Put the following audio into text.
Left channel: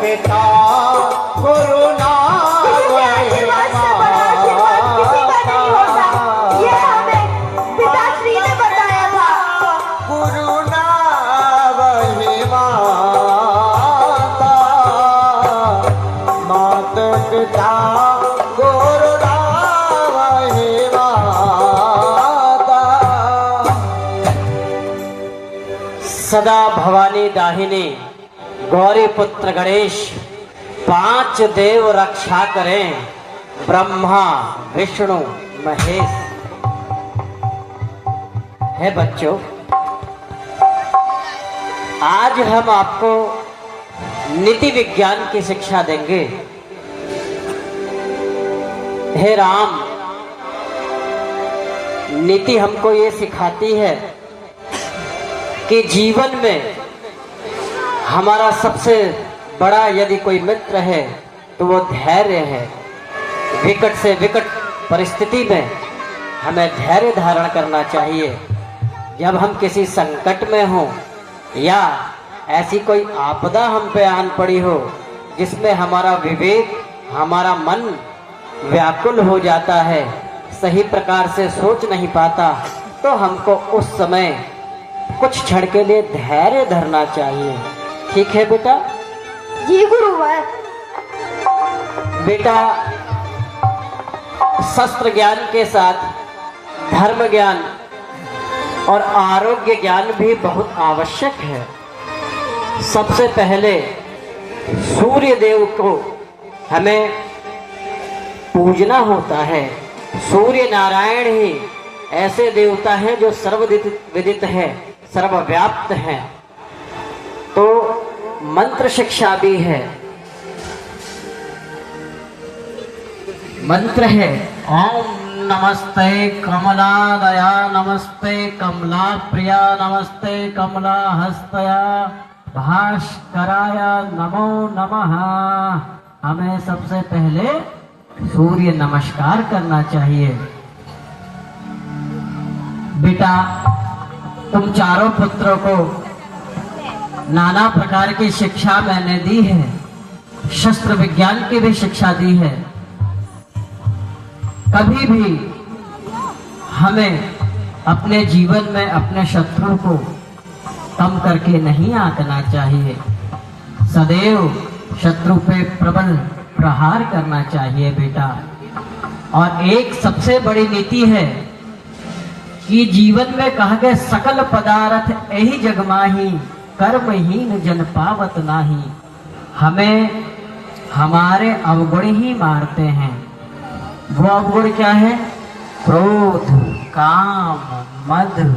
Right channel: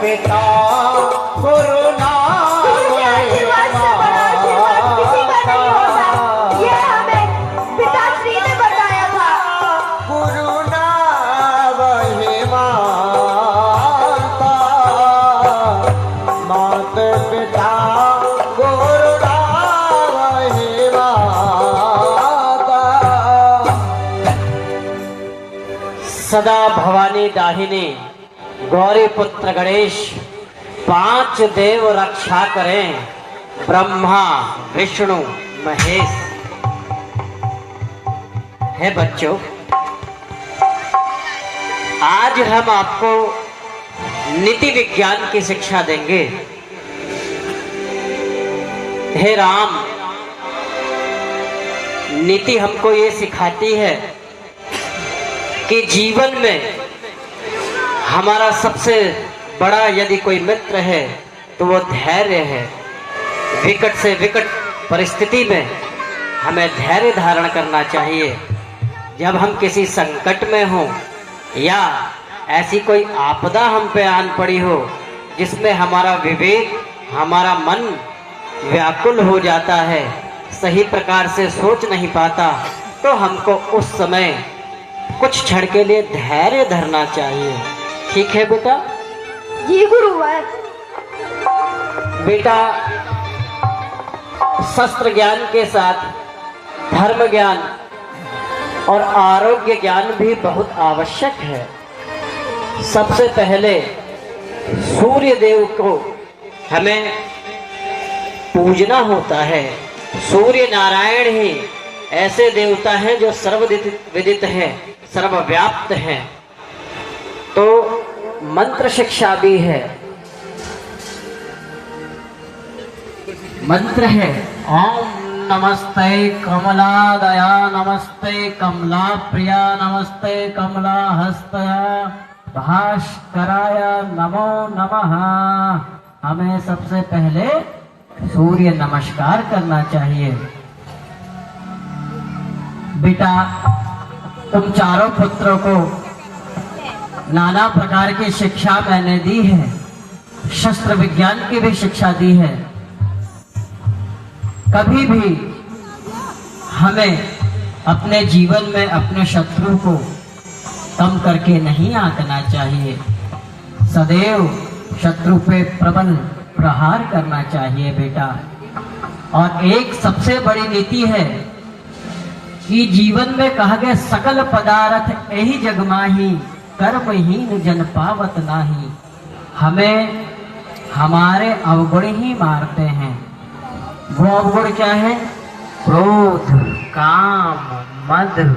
पिता करुणा ये हमें पिताश्री ने बताया था। करुणा वही माता, मात पिता करुणा वही माता। सदा भवानी दाहिनी गौरी पुत्र गणेश, पांच देव रक्षा करें, ब्रह्मा विष्णु महेश। है बच्चों, आज हम आपको नीति विज्ञान की शिक्षा देंगे। हे राम, नीति हमको ये सिखाती है कि जीवन में हमारा सबसे बड़ा यदि कोई मित्र है तो वो धैर्य है। विकट से विकट परिस्थिति में हमें धैर्य धारण करना चाहिए। जब हम किसी संकट में हों या ऐसी कोई आपदा हम पे आन पड़ी हो जिसमें हमारा विवेक, हमारा मन व्याकुल हो जाता है, सही प्रकार से सोच नहीं पाता, तो हमको उस समय कुछ क्षण के लिए धैर्य धरना चाहिए। ठीक है बेटा? जी गुरुवर। बेटा, शस्त्र ज्ञान के साथ धर्म ज्ञान और आरोग्य ज्ञान भी बहुत आवश्यक है। सबसे पहले सूर्य देव को हमें पूजना होता है। सूर्य नारायण ही ऐसे देवता हैं जो सर्वविदित हैं, सर्वव्याप्त हैं। तो मंत्र शिक्षा भी है। मंत्र है ओम नमस्ते कमला दया, नमस्ते कमला प्रिया, नमस्ते कमला हस्तया, भास्कराय नमो नमः। हमें सबसे पहले सूर्य नमस्कार करना चाहिए। बेटा, तुम चारों पुत्रों को नाना प्रकार की शिक्षा मैंने दी है, शस्त्र विज्ञान की भी शिक्षा दी है। कभी भी हमें अपने जीवन में अपने शत्रु को कम करके नहीं आंकना चाहिए। सदैव शत्रु पे प्रबल प्रहार करना चाहिए बेटा। और एक सबसे बड़ी नीति है कि जीवन में कहा गया सकल पदार्थ यही जग माही, कर्महीन जन पावत नाही। हमें हमारे अवगुण ही मारते हैं। वो अवगुण क्या है? क्रोध, काम, मद,